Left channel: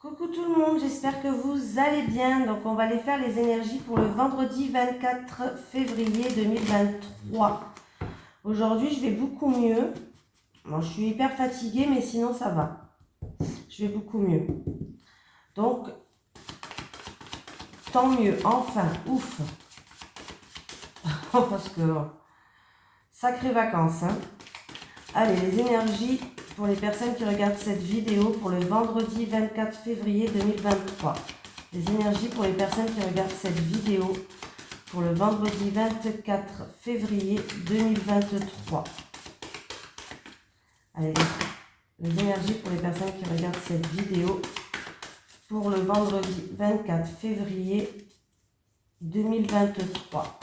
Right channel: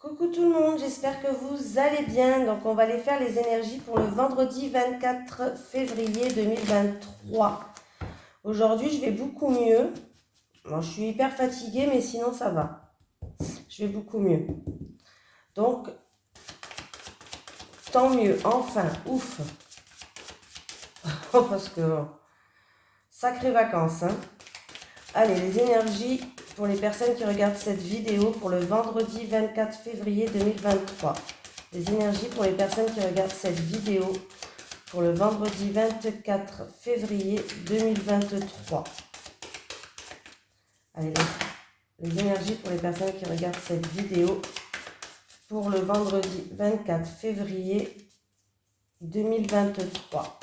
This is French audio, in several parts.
Coucou tout le monde, j'espère que vous allez bien. Donc on va aller faire les énergies pour le vendredi 24 février 2023. Aujourd'hui je vais beaucoup mieux. Bon, je suis hyper fatiguée mais sinon ça va. Je vais beaucoup mieux. Donc tant mieux, enfin, ouf. Parce que sacrées vacances. Hein. Allez, les énergies pour les personnes qui regardent cette vidéo pour le vendredi 24 février 2023. Les énergies pour les personnes qui regardent cette vidéo pour le vendredi 24 février 2023. Allez, les énergies pour les personnes qui regardent cette vidéo pour le vendredi 24 février 2023.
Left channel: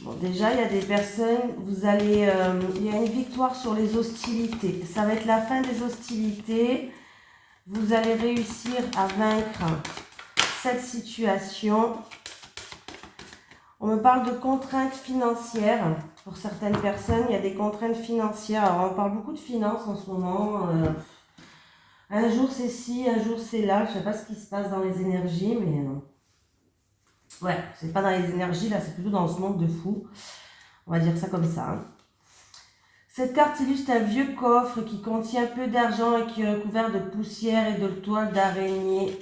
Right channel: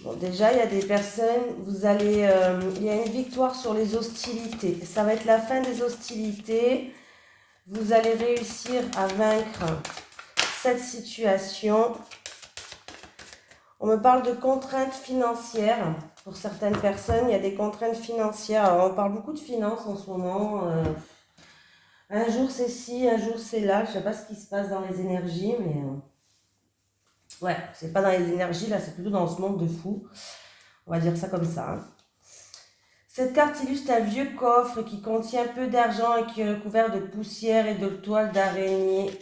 Bon, déjà, il y a des personnes, il y a une victoire sur les hostilités. Ça va être la fin des hostilités. Vous allez réussir à vaincre cette situation. On me parle de contraintes financières. Pour certaines personnes, il y a des contraintes financières. Alors, on parle beaucoup de finances en ce moment. Un jour c'est ci, un jour c'est là. Je ne sais pas ce qui se passe dans les énergies, mais... ouais, c'est pas dans les énergies, là, c'est plutôt dans ce monde de fou. On va dire ça comme ça. Hein. Cette carte illustre un vieux coffre qui contient peu d'argent et qui est recouvert de poussière et de toile d'araignée.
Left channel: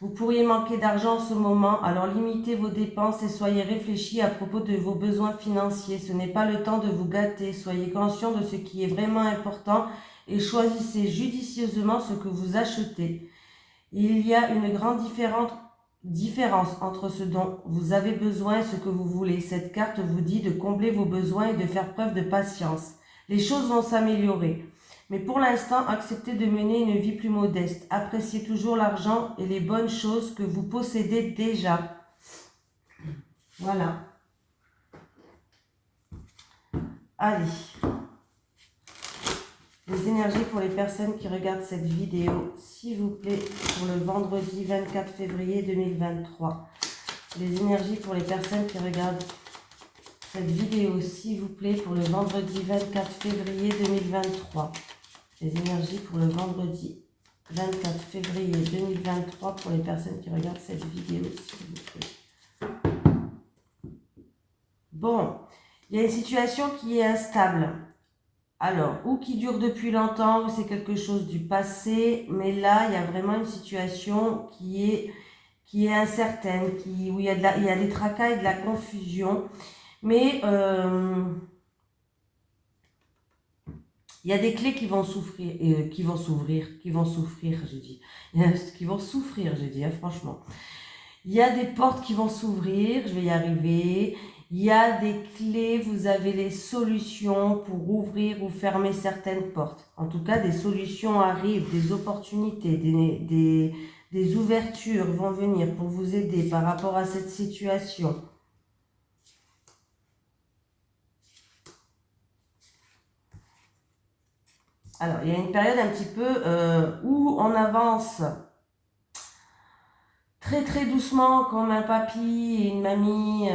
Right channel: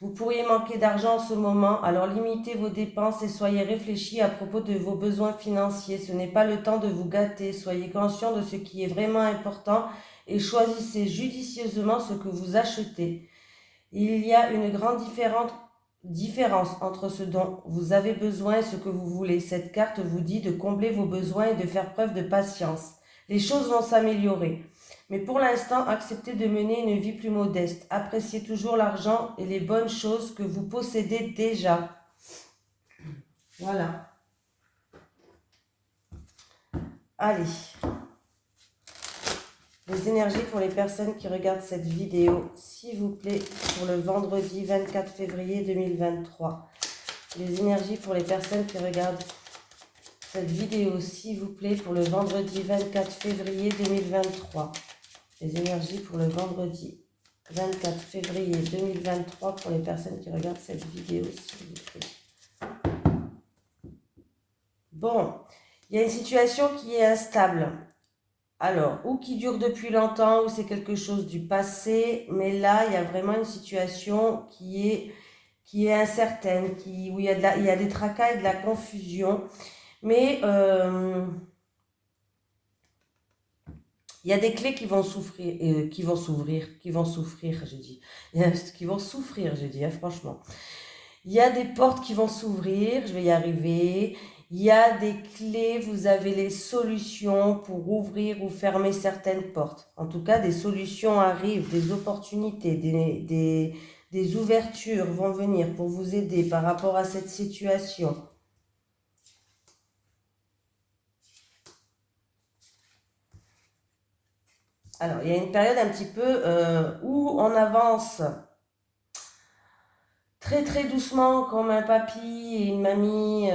Vous pourriez manquer d'argent en ce moment, alors limitez vos dépenses et soyez réfléchis à propos de vos besoins financiers. Ce n'est pas le temps de vous gâter. Soyez conscient de ce qui est vraiment important et choisissez judicieusement ce que vous achetez. Il y a une grande différence entre ce dont vous avez besoin et ce que vous voulez. Cette carte vous dit de combler vos besoins et de faire preuve de patience. Les choses vont s'améliorer. Mais pour l'instant, acceptez de mener une vie plus modeste. Appréciez toujours l'argent et les bonnes choses que vous possédez déjà. Voilà. Allez. Les énergies pour les personnes qui regardent cette vidéo, s'il vous plaît, pour le vendredi 24 février 2023. Les énergies pour les personnes qui regardent cette vidéo, s'il vous plaît, pour le vendredi 24 février 2023. Les énergies pour le vendredi 24 février 2023 pour les personnes qui regardent cette vidéo, s'il vous plaît. Bon, il y a une situation qui est instable. Alors, ou qui dure depuis longtemps, ou c'est quelque chose du passé, mais là, il y a vraiment une situation qui est incertaine, où il y a des tracas et de la confusion, mais il y a des clés qui vont souffrir, qui vont souffrir, je dis. Qui vont souffrir, je dis, hein, franchement. Il y a des portes qui vont s'ouvrir, je vais y arriver. Il y a des clés, vous avez les solutions pour ouvrir ou fermer certaines portes. En tout cas, des solutions arrivent, des opportunités, des ouvertures vont venir pour vous aider par rapport à cette situation. Alors, il y a une période un petit peu où on avance très très doucement comme un papy et une mamie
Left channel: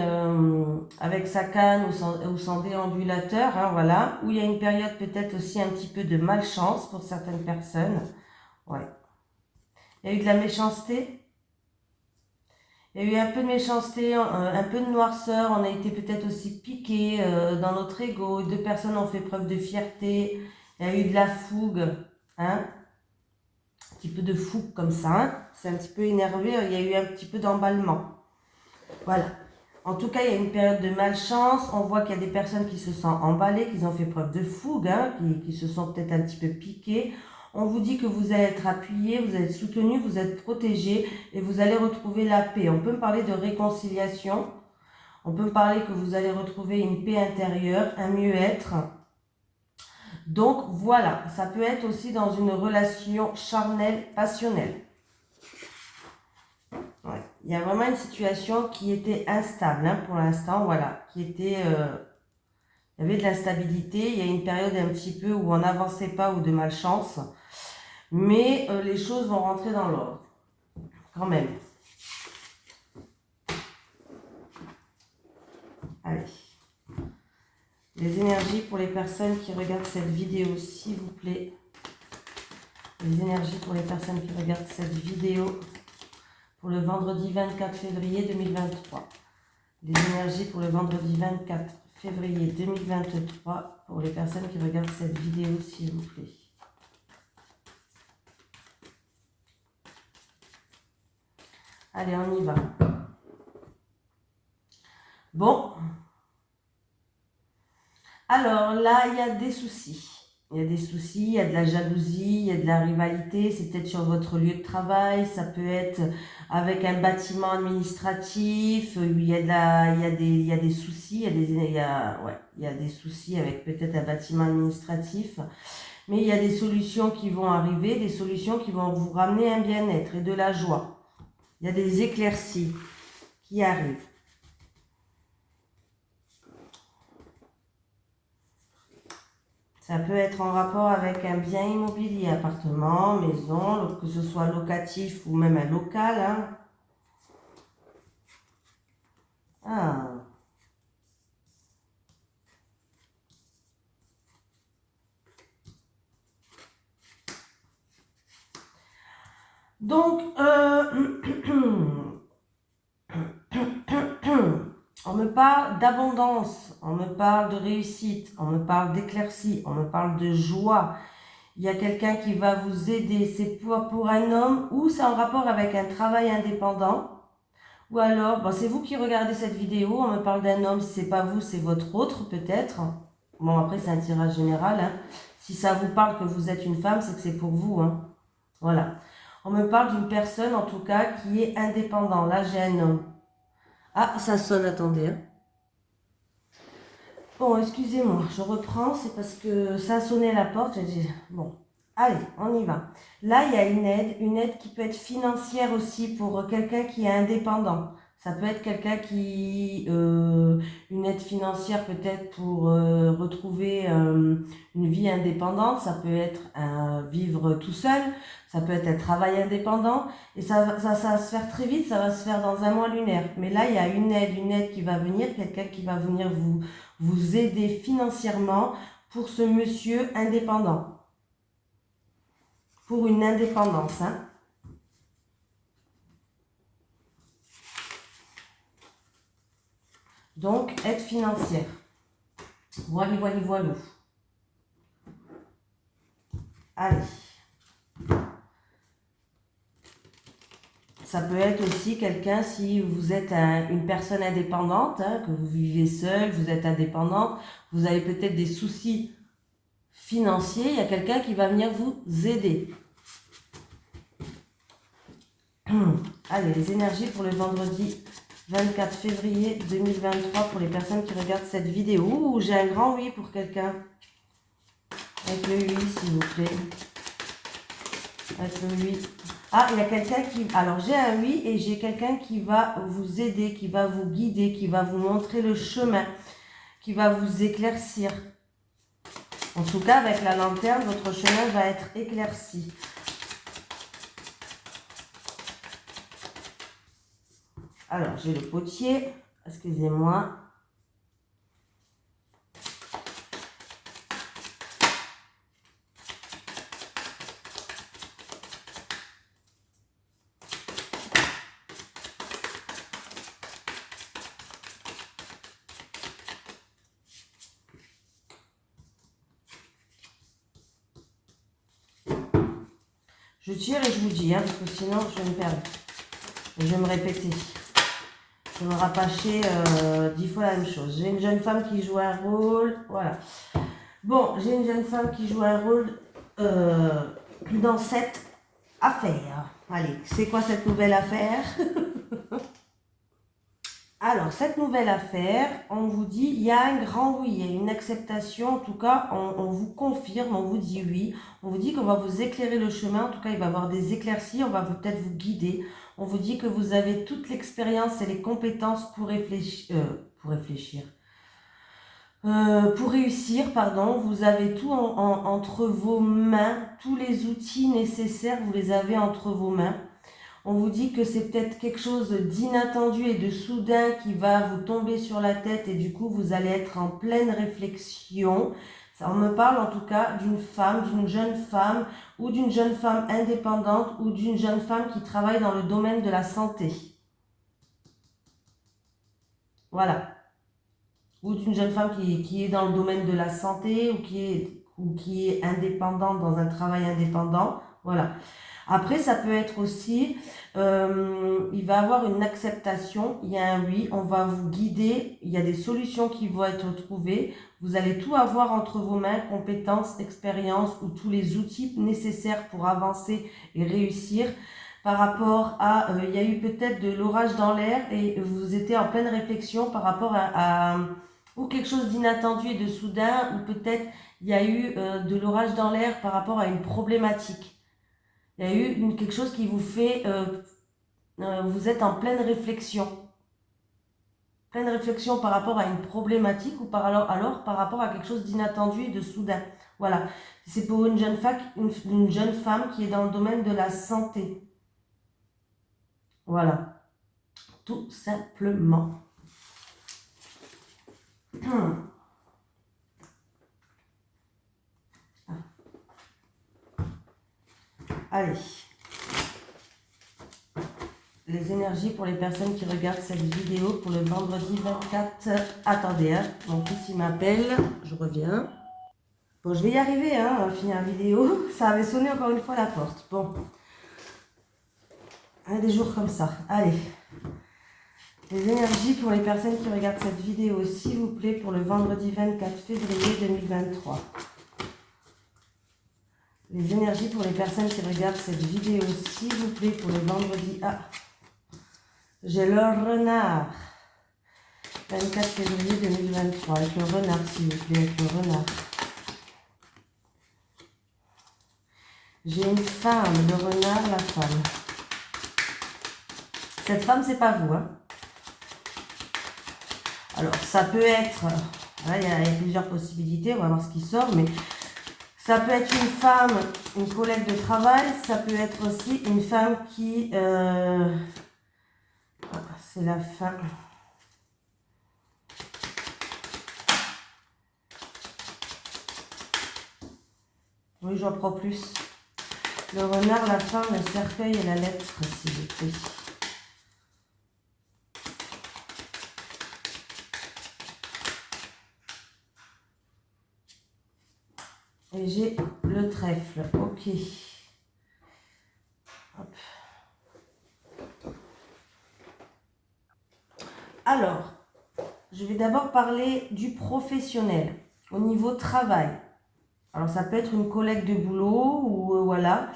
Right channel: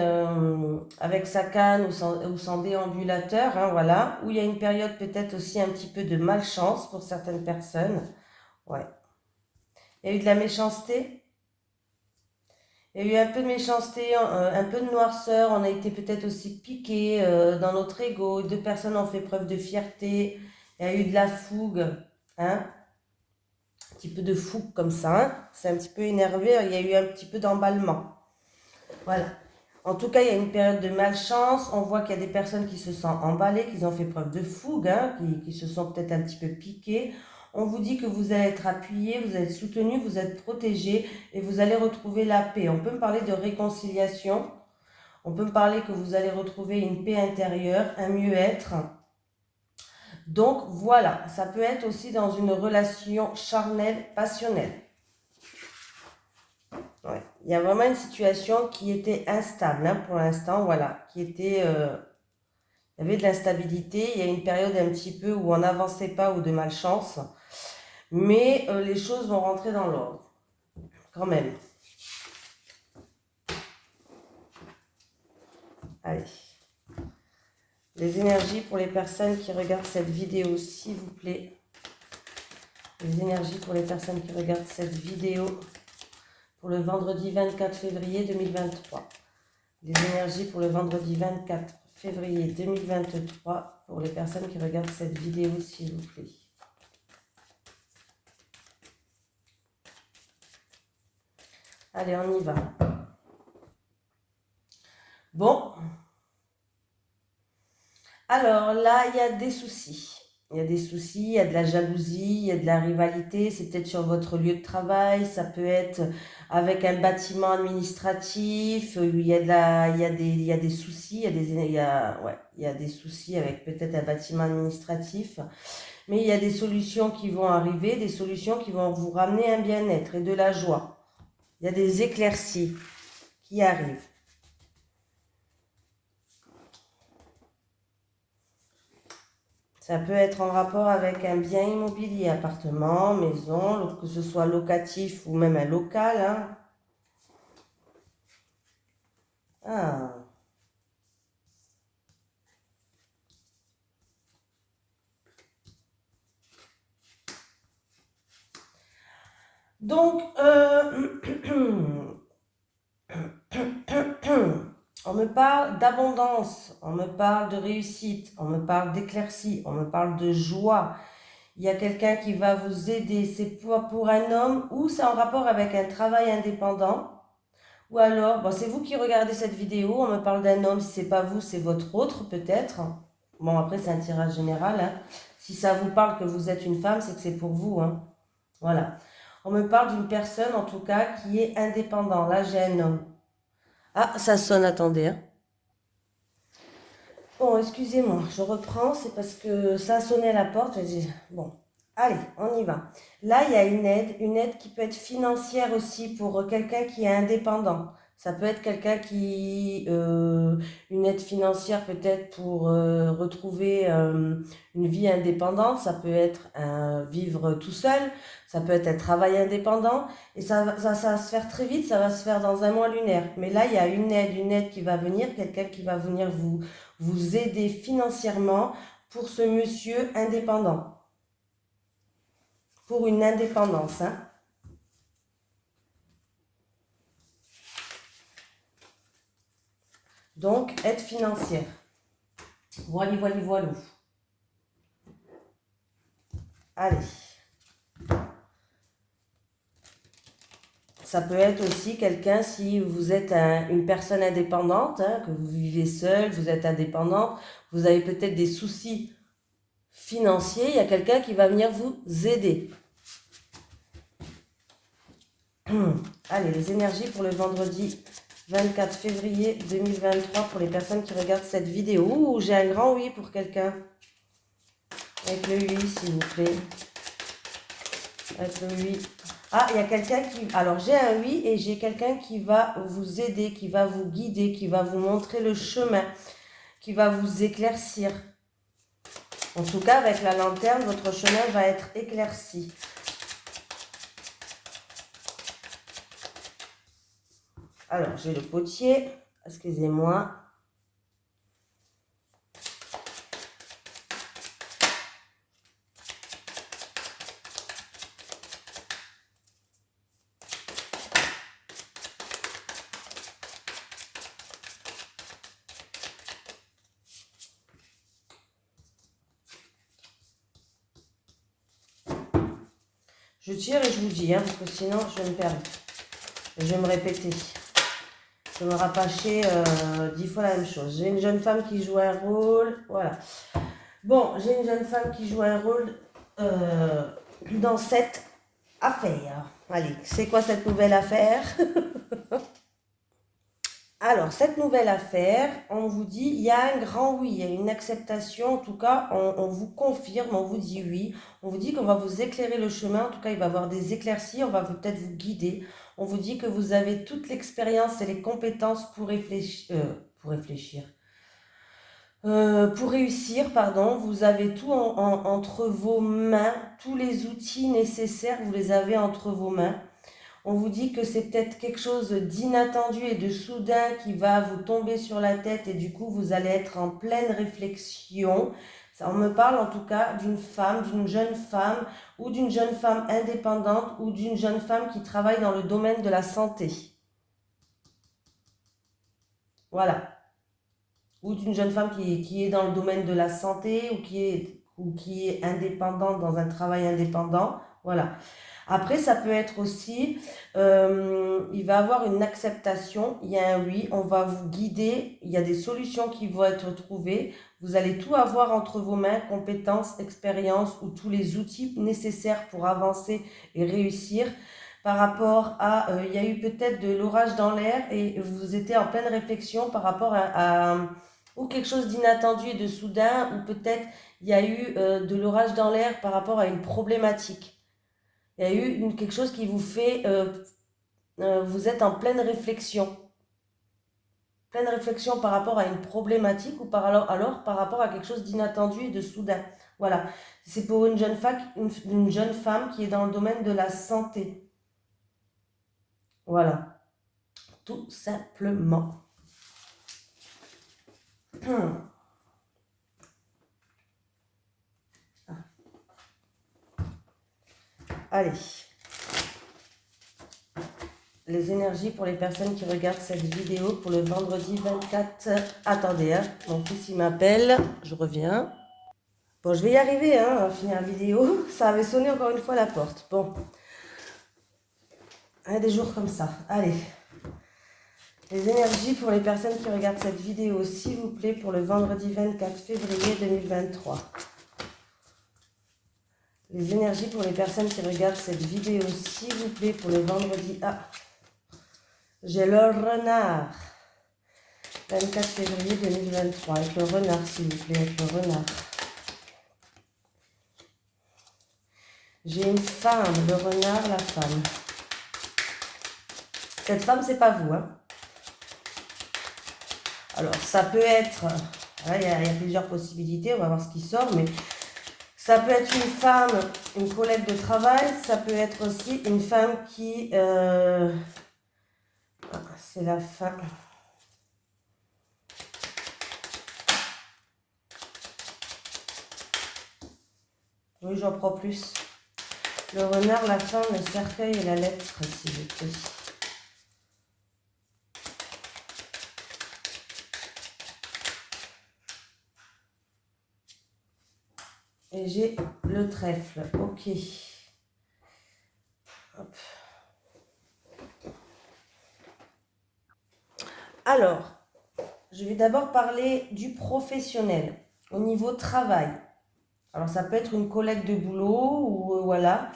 avec sa canne ou son déambulateur, hein, voilà, où il y a une période peut-être aussi un petit peu de malchance pour certaines personnes. Ouais. Il y a eu de la méchanceté. Il y a eu un peu de méchanceté, un peu de noirceur. On a été peut-être aussi piqué dans notre ego. Deux personnes ont fait preuve de fierté. Il y a eu de la fougue, hein, un petit peu de fougue comme ça. Hein. C'est un petit peu énervé. Il y a eu un petit peu d'emballement. Voilà. En tout cas, il y a une période de malchance. On voit qu'il y a des personnes qui se sentent emballées, qui ont fait preuve de fougue, hein, qui se sont peut-être un petit peu piquées. On vous dit que vous allez être appuyé, vous allez être soutenu, vous êtes protégé et vous allez retrouver la paix. On peut me parler de réconciliation. On peut me parler que vous allez retrouver une paix intérieure, un mieux-être. Donc voilà, ça peut être aussi dans une relation charnelle, passionnelle. Ouais. Il y a vraiment une situation qui était instable, hein, pour l'instant, voilà, il y avait de l'instabilité, il y a une période un petit peu où on n'avançait pas ou de malchance, mais les choses vont rentrer dans l'ordre, quand même. Allez. Les énergies pour les personnes qui regardent cette vidéo, s'il vous plaît, Les énergies pour les personnes qui regardent cette vidéo pour le vendredi 24 février 2023. Les énergies pour le vendredi 24 février 2023 pour les personnes qui regardent cette vidéo, s'il vous plaît. Allez, on y va. Bon. Alors là, il y a des soucis. Il y a des soucis, il y a de la jalousie, il y a de la rivalité. C'est peut-être sur votre lieu de travail. Ça peut être avec un bâtiment administratif. Il y a des soucis. Il y a des soucis avec peut-être un bâtiment administratif. Mais il y a des solutions qui vont arriver, des solutions qui vont vous ramener un bien-être et de la joie. Il y a des éclaircies qui arrivent. Ça peut être en rapport avec un bien immobilier, appartement, maison, que ce soit locatif ou même un local. Hein. Ah. Donc, on me parle d'abondance, on me parle de réussite, on me parle d'éclaircie, on me parle de joie. Il y a quelqu'un qui va vous aider, c'est pour un homme ou c'est en rapport avec un travail indépendant. Ou alors, bon, c'est vous qui regardez cette vidéo, on me parle d'un homme, si c'est pas vous, c'est votre autre peut-être. Bon, après c'est un tirage général. Hein. Si ça vous parle que vous êtes une femme, c'est que c'est pour vous. Hein. Voilà. On me parle d'une personne, en tout cas, qui est indépendant. Là, j'ai un homme. Ah, ça sonne, attendez. Hein. Bon, excusez-moi, je reprends, c'est parce que ça a sonné à la porte. J'ai dit, bon, allez, on y va. Là, il y a une aide qui peut être financière aussi pour quelqu'un qui est indépendant. Ça peut être quelqu'un qui... une aide financière peut-être pour retrouver une vie indépendante. Ça peut être vivre tout seul. Ça peut être un travail indépendant. Et ça va se faire très vite. Ça va se faire dans un mois lunaire. Mais là, il y a une aide qui va venir. Quelqu'un qui va venir vous aider financièrement pour ce monsieur indépendant. Pour une indépendance. Hein. Donc, aide financière. Voilà. Allez. Ça peut être aussi quelqu'un, si vous êtes une personne indépendante, hein, que vous vivez seul, vous êtes indépendante, vous avez peut-être des soucis financiers, il y a quelqu'un qui va venir vous aider. Allez, les énergies pour le vendredi 24 février 2023 pour les personnes qui regardent cette vidéo. Ouh, j'ai un grand oui pour quelqu'un. Avec le oui, s'il vous plaît. Avec le oui. Ah, il y a quelqu'un qui... Alors, j'ai un oui et j'ai quelqu'un qui va vous aider, qui va vous guider, qui va vous montrer le chemin, qui va vous éclaircir. En tout cas, avec la lanterne, votre chemin va être éclairci. Alors, j'ai le potier. Excusez-moi. Je tire et je vous dis, hein, parce que sinon, je vais me perdre. Je vais me répéter. Je vais me rapacher 10 fois la même chose. J'ai une jeune femme qui joue un rôle. Voilà. Bon, j'ai une jeune femme qui joue un rôle dans cette affaire. Allez, c'est quoi cette nouvelle affaire? Alors, cette nouvelle affaire, on vous dit, il y a un grand oui, il y a une acceptation. En tout cas, on vous confirme, on vous dit oui. On vous dit qu'on va vous éclairer le chemin. En tout cas, il va y avoir des éclaircies. On va peut-être vous guider. On vous dit que vous avez toute l'expérience et les compétences pour réussir, pardon. Vous avez tout entre vos mains, tous les outils nécessaires, vous les avez entre vos mains. On vous dit que c'est peut-être quelque chose d'inattendu et de soudain qui va vous tomber sur la tête et du coup, vous allez être en pleine réflexion. Ça, on me parle en tout cas d'une femme, d'une jeune femme ou d'une jeune femme indépendante ou d'une jeune femme qui travaille dans le domaine de la santé. Voilà. Ou d'une jeune femme qui est dans le domaine de la santé ou qui est indépendante dans un travail indépendant. Voilà. Après, ça peut être aussi, il va avoir une acceptation, il y a un oui, on va vous guider, il y a des solutions qui vont être trouvées, vous allez tout avoir entre vos mains, compétences, expériences ou tous les outils nécessaires pour avancer et réussir. Par rapport à, il y a eu peut-être de l'orage dans l'air et vous étiez en pleine réflexion par rapport ou quelque chose d'inattendu et de soudain, ou peut-être il y a eu de l'orage dans l'air par rapport à une problématique. Il y a eu quelque chose qui vous fait, vous êtes en pleine réflexion par rapport à une problématique ou alors par rapport à quelque chose d'inattendu et de soudain. Voilà, c'est pour une jeune femme qui est dans le domaine de la santé. Voilà, tout simplement. Allez. Les énergies pour les personnes qui regardent cette vidéo pour le vendredi 24. Attendez, hein, mon fils il m'appelle, je reviens. Bon, je vais y arriver hein, à finir la vidéo. Ça avait sonné encore une fois à la porte. Bon, des jours comme ça. Allez. Les énergies pour les personnes qui regardent cette vidéo, s'il vous plaît, pour le vendredi 24 février 2023. Les énergies pour les personnes qui regardent cette vidéo, s'il vous plaît, pour le vendredi... Ah, j'ai le renard. 24 février 2023, avec le renard, s'il vous plaît, avec le renard. J'ai une femme, le renard, la femme. Cette femme, c'est pas vous, hein. Alors, ça peut être... Il y a plusieurs possibilités, on va voir ce qui sort, mais... Ça peut être une femme, une collègue de travail, ça peut être aussi une femme qui... c'est la fin... Oui, j'en prends plus. Le renard, la femme, le cercueil et la lettre, s'il vous plaît. Et j'ai le trèfle. Ok. Hop. Alors, je vais d'abord parler du professionnel. Au niveau travail. Alors, ça peut être une collègue de boulot ou voilà.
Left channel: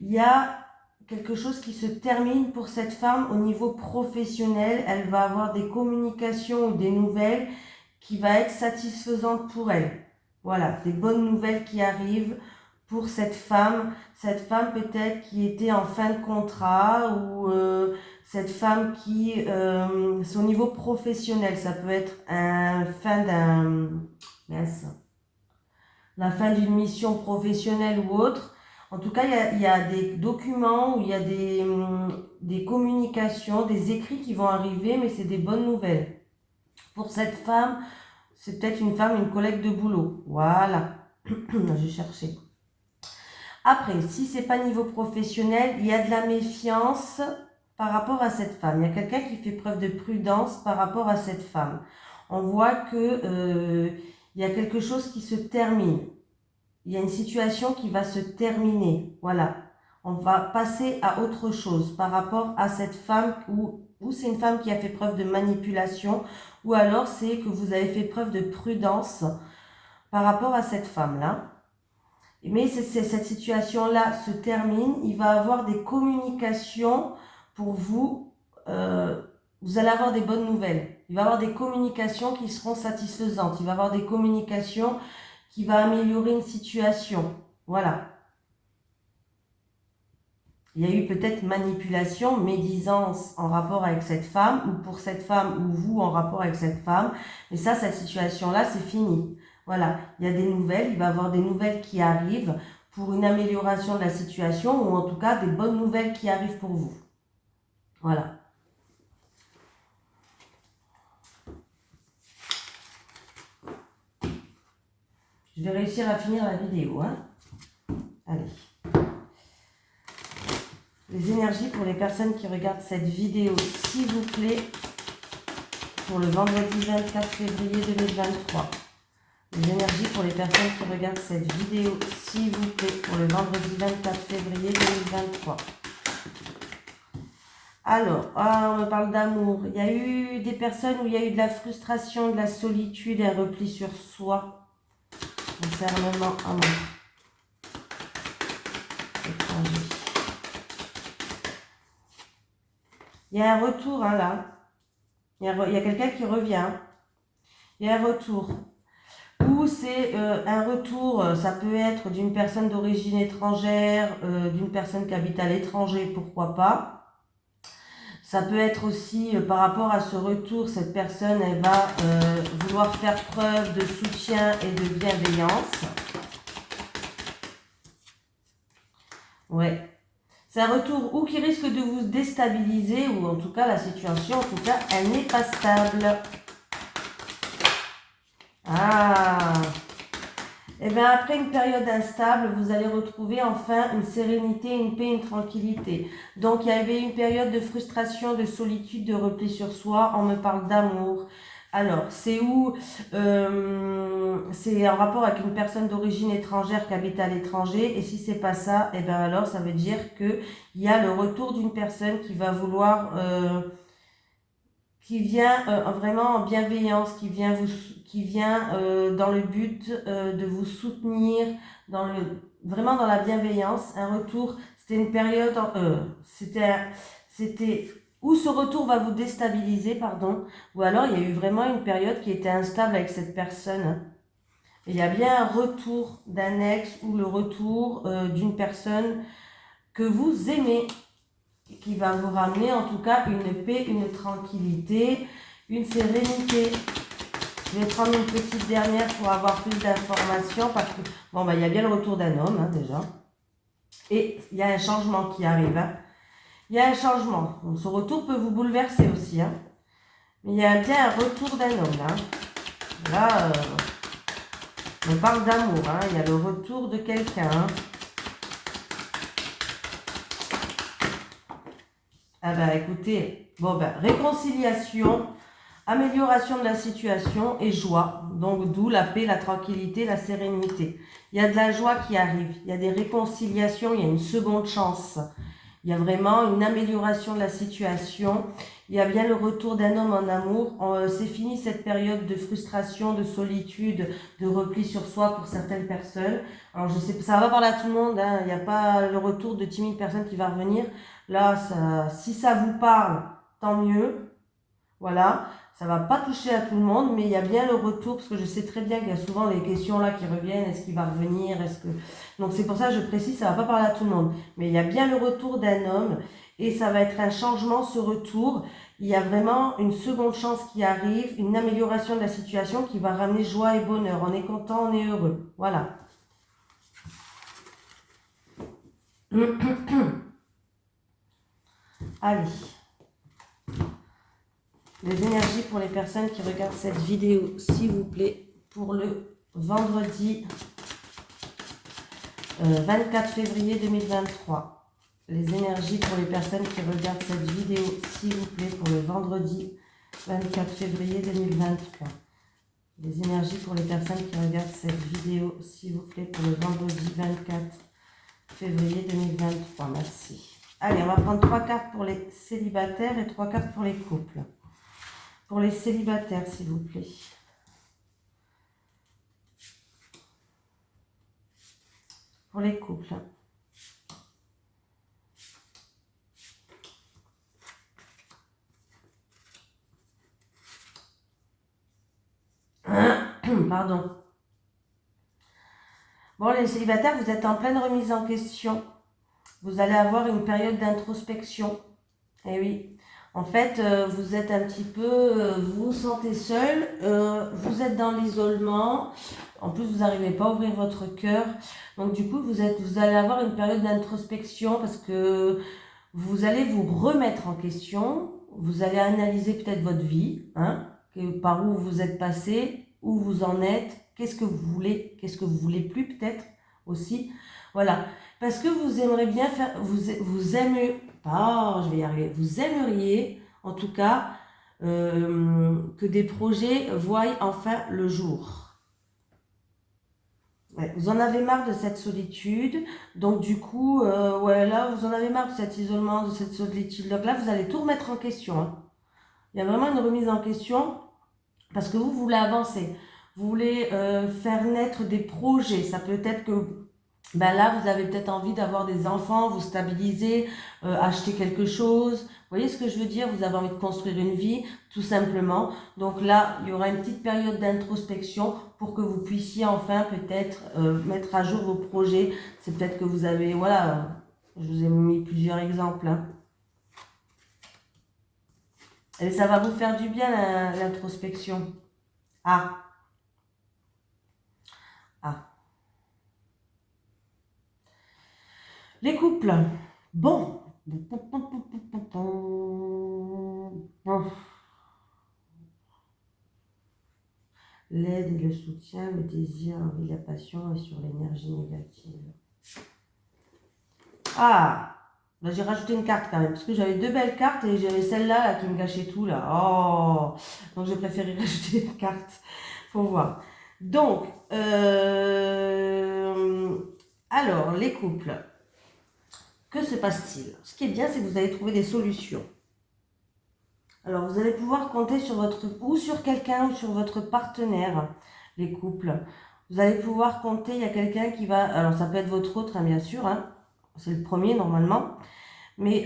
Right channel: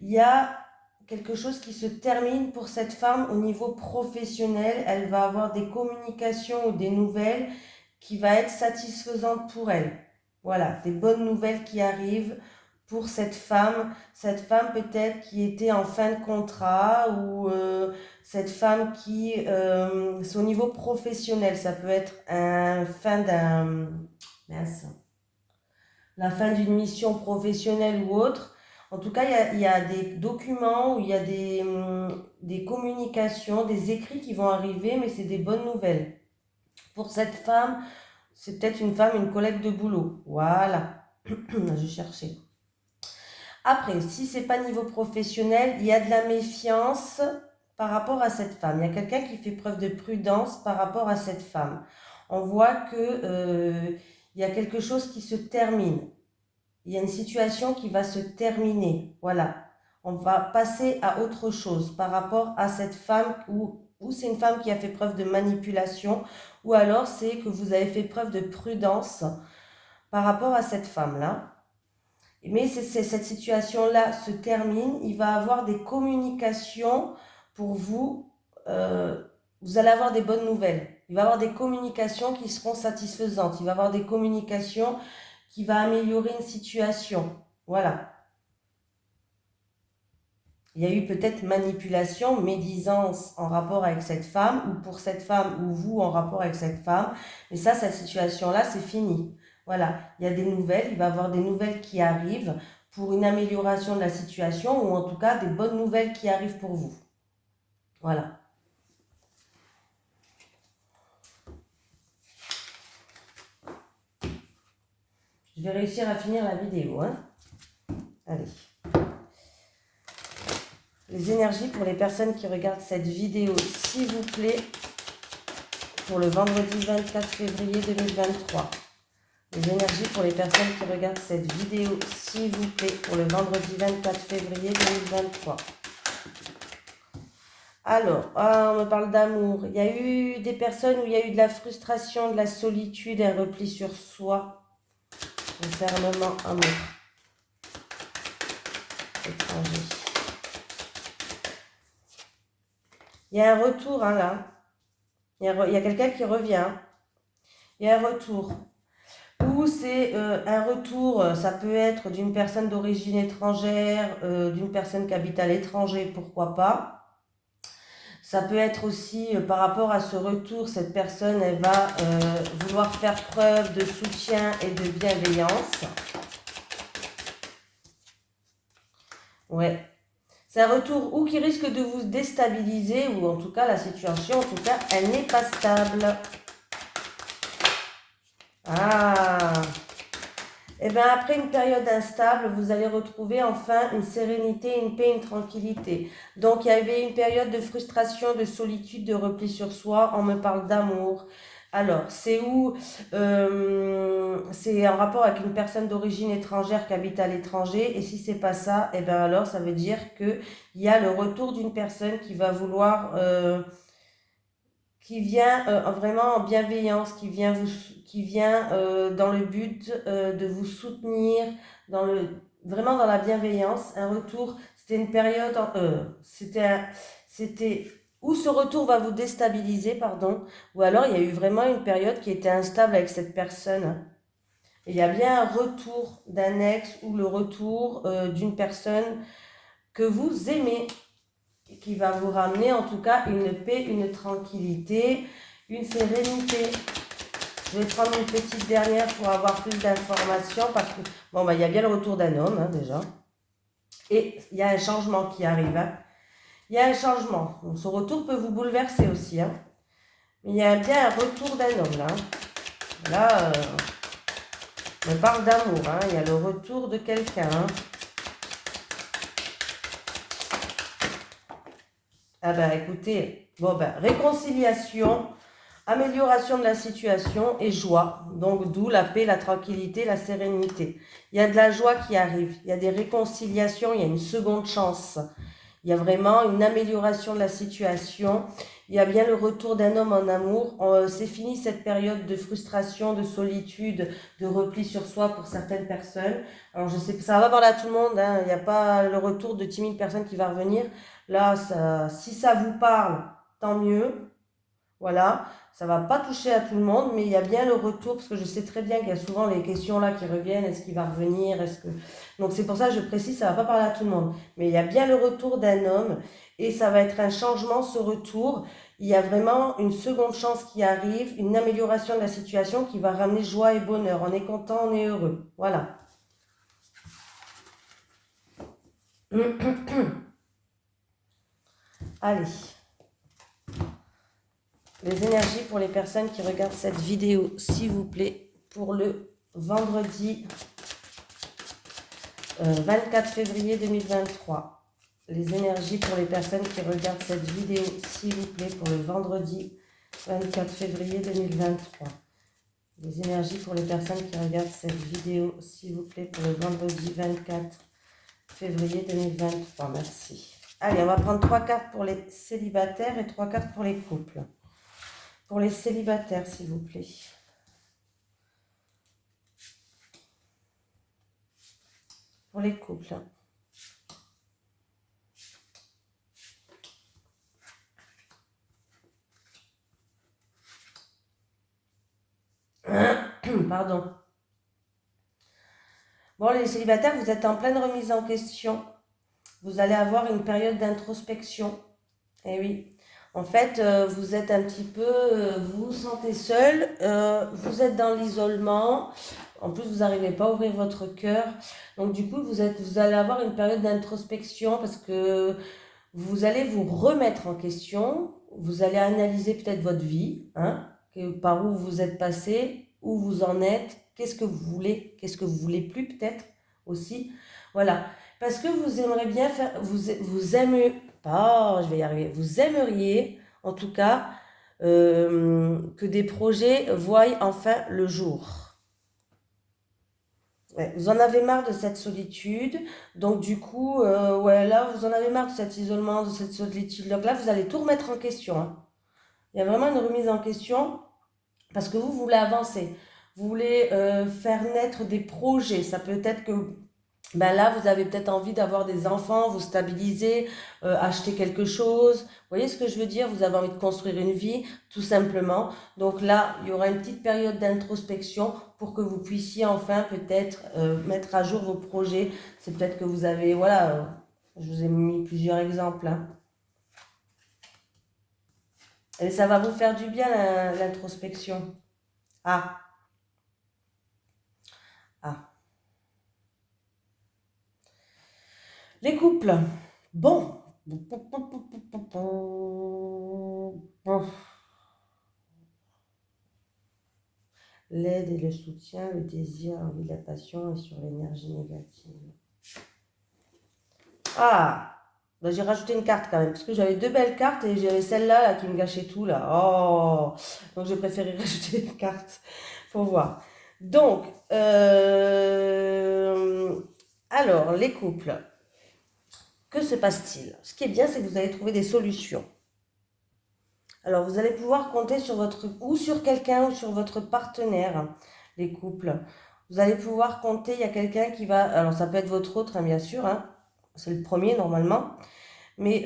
Il y a quelque chose qui se termine pour cette femme au niveau professionnel. Elle va avoir des communications ou des nouvelles qui va être satisfaisantes pour elle. Voilà, des bonnes nouvelles qui arrivent pour cette femme. Cette femme peut-être qui était en fin de contrat ou cette femme qui, c'est au niveau professionnel. Ça peut être la fin d'une mission professionnelle ou autre. En tout cas, il y a des documents, il y a des communications, des écrits qui vont arriver, mais c'est des bonnes nouvelles. Pour cette femme, c'est peut-être une femme, une collègue de boulot. Voilà, je cherchais. Après, si c'est pas niveau professionnel, il y a de la méfiance par rapport à cette femme. Il y a quelqu'un qui fait preuve de prudence par rapport à cette femme. On voit que il y a quelque chose qui se termine. Il y a une situation qui va se terminer. Voilà. On va passer à autre chose par rapport à cette femme ou c'est une femme qui a fait preuve de manipulation ou alors c'est que vous avez fait preuve de prudence par rapport à cette femme-là. Mais cette situation-là se termine. Il va avoir des communications pour vous. Vous allez avoir des bonnes nouvelles. Il va y avoir des communications qui seront satisfaisantes. Il va y avoir des communications qui vont améliorer une situation. Voilà. Il y a eu peut-être manipulation, médisance en rapport avec cette femme, ou pour cette femme, ou vous en rapport avec cette femme. Mais ça, cette situation-là, c'est fini. Voilà, il y a des nouvelles, il va y avoir des nouvelles qui arrivent pour une amélioration de la situation, ou en tout cas, des bonnes nouvelles qui arrivent pour vous. Voilà. Je Je vais réussir à finir la vidéo. Hein. Allez. Les énergies pour les personnes qui regardent cette vidéo, s'il vous plaît, pour le vendredi 24 février 2023. Les énergies pour les personnes qui regardent cette vidéo, s'il vous plaît, pour le vendredi 24 février 2023. Alors, on parle d'amour. Il y a eu des personnes où il y a eu de la frustration, de la solitude, un repli sur soi. Enfermement, amour. Étranger. Il y a un retour, hein, là. Il y a quelqu'un qui revient. Il y a un retour. Ou c'est un retour, ça peut être d'une personne d'origine étrangère, d'une personne qui habite à l'étranger, pourquoi pas. Ça peut être aussi par rapport à ce retour, cette personne, elle va vouloir faire preuve de soutien et de bienveillance. Ouais. C'est un retour ou qui risque de vous déstabiliser, ou en tout cas, la situation, en tout cas, elle n'est pas stable. Ah! Et bien après une période instable, vous allez retrouver enfin une sérénité, une paix, une tranquillité. Donc il y avait une période de frustration, de solitude, de repli sur soi. On me parle d'amour. Alors, c'est où c'est en rapport avec une personne d'origine étrangère qui habite à l'étranger. Et si c'est pas ça, et bien alors ça veut dire qu'il y a le retour d'une personne qui va vouloir... qui vient vraiment en bienveillance, qui vient dans le but de vous soutenir, vraiment dans la bienveillance. Un retour, c'était une période, c'était où ce retour va vous déstabiliser, pardon, ou alors il y a eu vraiment une période qui était instable avec cette personne. Et il y a bien un retour d'un ex ou le retour d'une personne que vous aimez, qui va vous ramener en tout cas une paix, une tranquillité, une sérénité. Je vais prendre une petite dernière pour avoir plus d'informations parce que, bon, il y a bien le retour d'un homme, hein, déjà. Et il y a un changement qui arrive. Hein. Il y a un changement. Donc, ce retour peut vous bouleverser aussi. Hein. Mais il y a bien un retour d'un homme, là. Là, on parle d'amour. Hein. Il y a le retour de quelqu'un. Hein. Ah ben écoutez, bon ben réconciliation, amélioration de la situation et joie. Donc d'où la paix, la tranquillité, la sérénité. Il y a de la joie qui arrive, il y a des réconciliations, il y a une seconde chance. Il y a vraiment une amélioration de la situation. Il y a bien le retour d'un homme en amour. C'est fini cette période de frustration, de solitude, de repli sur soi pour certaines personnes. Alors je sais, ça va pas parler à tout le monde. Hein. Il n'y a pas le retour de timide personne qui va revenir. Là, si ça vous parle, tant mieux. Voilà. Ça ne va pas toucher à tout le monde, mais il y a bien le retour, parce que je sais très bien qu'il y a souvent les questions là qui reviennent, est-ce qu'il va revenir, Donc c'est pour ça que je précise, ça ne va pas parler à tout le monde. Mais il y a bien le retour d'un homme, et ça va être un changement, ce retour. Il y a vraiment une seconde chance qui arrive, une amélioration de la situation qui va ramener joie et bonheur. On est content, on est heureux. Voilà. Allez. Les énergies pour les personnes qui regardent cette vidéo, s'il vous plaît, pour le vendredi 24 février 2023. Les énergies pour les personnes qui regardent cette vidéo, s'il vous plaît, pour le vendredi 24 février 2023. Les énergies pour les personnes qui regardent cette vidéo, s'il vous plaît, pour le vendredi 24 février 2023. Merci. Allez, on va prendre 3 cartes pour les célibataires et 3 cartes pour les couples. Pour les célibataires, s'il vous plaît. Pour les couples. Pardon. Bon, les célibataires, vous êtes en pleine remise en question. Vous allez avoir une période d'introspection. Eh oui. En fait, vous êtes un petit peu, vous vous sentez seul, vous êtes dans l'isolement, en plus vous n'arrivez pas à ouvrir votre cœur. Donc du coup, vous allez avoir une période d'introspection parce que vous allez vous remettre en question, vous allez analyser peut-être votre vie, hein, par où vous êtes passé, où vous en êtes, qu'est-ce que vous voulez plus peut-être aussi. Voilà, parce que vous aimeriez bien faire, vous aimeriez, oh, je vais y arriver, vous aimeriez en tout cas que des projets voient enfin le jour. Ouais, vous en avez marre de cette solitude, donc du coup, ouais, là, vous en avez marre de cet isolement, de cette solitude. Donc là, vous allez tout remettre en question, hein. Il y a vraiment une remise en question parce que vous voulez avancer. Vous voulez faire naître des projets. Ça peut être que ben là, vous avez peut-être envie d'avoir des enfants, vous stabiliser, acheter quelque chose. Vous voyez ce que je veux dire? Vous avez envie de construire une vie, tout simplement. Donc là, il y aura une petite période d'introspection pour que vous puissiez enfin peut-être mettre à jour vos projets. C'est peut-être que vous avez, voilà, je vous ai mis plusieurs exemples, hein. Et ça va vous faire du bien l'introspection. Ah, ah. Les couples. Bon. L'aide et le soutien, le désir, l'envie, la passion et sur l'énergie négative. Ah, bah, j'ai rajouté une carte quand même, parce que j'avais deux belles cartes et j'avais celle-là là, qui me gâchait tout là. Oh, donc j'ai préféré rajouter une carte pour voir. Donc, alors, les couples, que se passe-t-il? Ce qui est bien, c'est que vous allez trouver des solutions. Alors, vous allez pouvoir compter sur ou sur quelqu'un ou sur votre partenaire, les couples. Vous allez pouvoir compter, il y a quelqu'un qui va, alors ça peut être votre autre, hein, bien sûr, hein, c'est le premier normalement, mais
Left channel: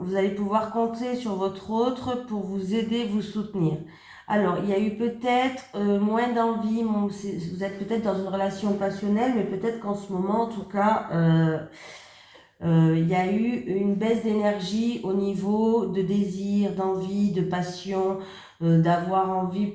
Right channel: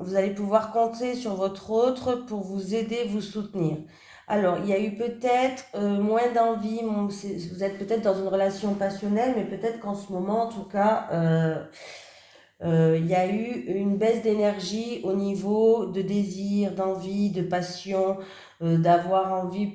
vous allez pouvoir compter sur votre autre pour vous aider, vous soutenir. Alors, il y a eu peut-être moins d'envie, vous êtes peut-être dans une relation passionnelle, mais peut-être qu'en ce moment, en tout cas, il y a eu une baisse d'énergie au niveau de désir, d'envie, de passion, d'avoir envie.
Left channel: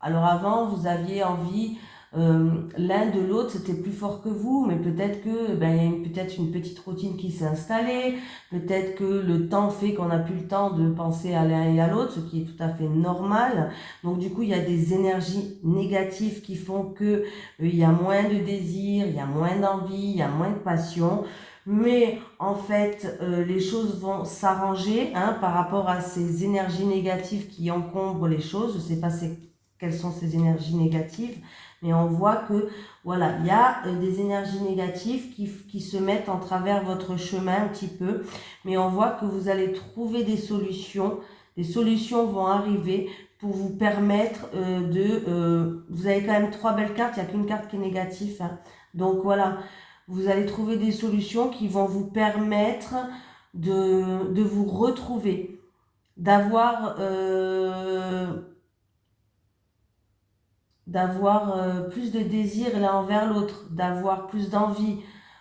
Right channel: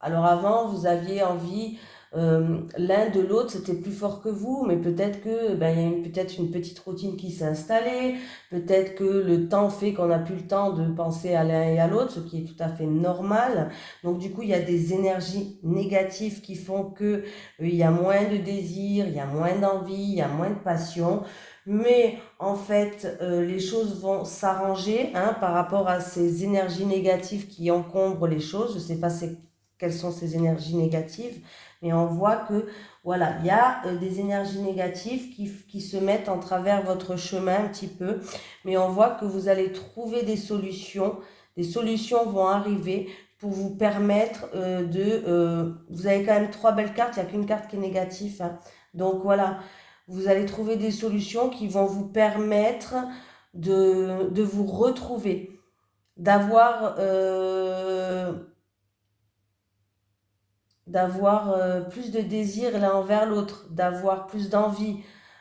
Alors avant, vous aviez envie l'un de l'autre, c'était plus fort que vous, mais peut-être que ben, il y a peut-être une petite routine qui s'est installée, peut-être que le temps fait qu'on n'a plus le temps de penser à l'un et à l'autre, ce qui est tout à fait normal. Donc du coup, il y a des énergies négatives qui font que il y a moins de désir, il y a moins d'envie, il y a moins de passion. Mais en fait, les choses vont s'arranger, hein, par rapport à ces énergies négatives qui encombrent les choses. Je ne sais pas quelles sont ces énergies négatives, mais on voit que voilà, il y a des énergies négatives qui se mettent en travers votre chemin un petit peu, mais on voit que vous allez trouver des solutions. Des solutions vont arriver pour vous permettre vous avez quand même trois belles cartes, il n'y a qu'une carte qui est négative, hein. Donc voilà, vous allez trouver des solutions qui vont vous permettre de vous retrouver, d'avoir plus de désir l'un envers l'autre, d'avoir plus d'envie,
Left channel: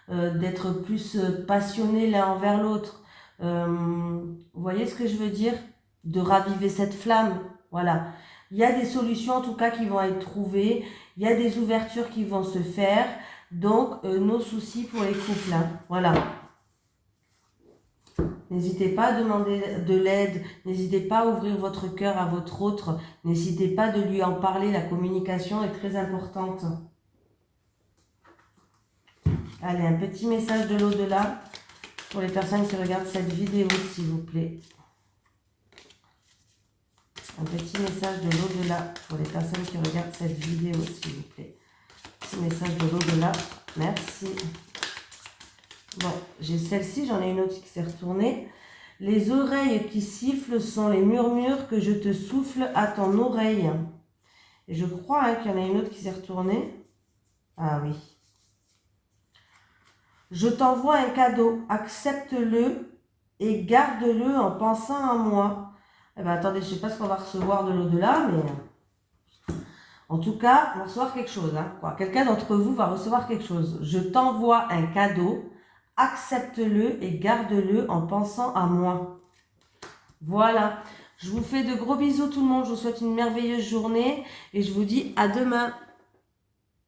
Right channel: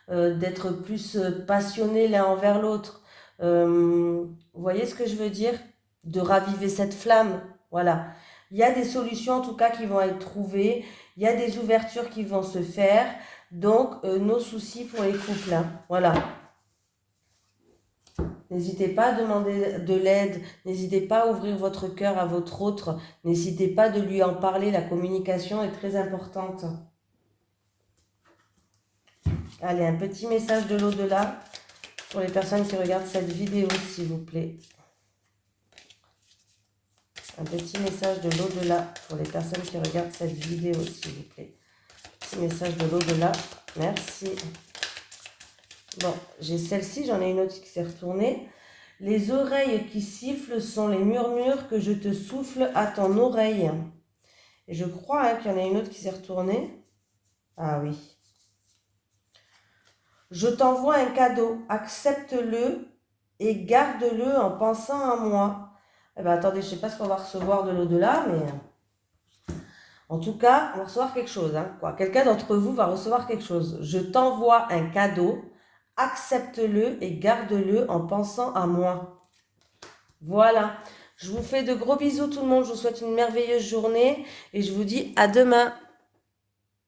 d'être plus passionné l'un envers l'autre. Vous voyez ce que je veux dire? De raviver cette flamme. Voilà. Il y a des solutions en tout cas qui vont être trouvées. Il y a des ouvertures qui vont se faire. Donc, nos soucis pour les couples, hein. Voilà. N'hésitez pas à demander de l'aide, n'hésitez pas à ouvrir votre cœur à votre autre, n'hésitez pas de lui en parler, la communication est très importante. Allez, un petit message de l'au-delà pour les personnes qui regardent cette vidéo, s'il vous plaît. Un petit message de l'au-delà pour les personnes qui regardent cette vidéo, s'il vous plaît. Petit message de l'au-delà, merci. Bon, j'ai celle-ci, j'en ai une autre qui s'est retournée. Les oreilles qui sifflent sont les murmures que je te souffle à ton oreille. Et je crois, hein, qu'il y en a une autre qui s'est retournée. Ah oui. Je t'envoie un cadeau, accepte-le et garde-le en pensant à moi. Eh bien, attendez, je ne sais pas ce qu'on va recevoir de l'au-delà, mais en tout cas, on va recevoir quelque chose, hein, quoi. Quelqu'un d'entre vous va recevoir quelque chose. Je t'envoie un cadeau, accepte-le et garde-le en pensant à moi. Voilà. Je vous fais de gros bisous tout le monde. Je vous souhaite une merveilleuse journée et je vous dis à demain.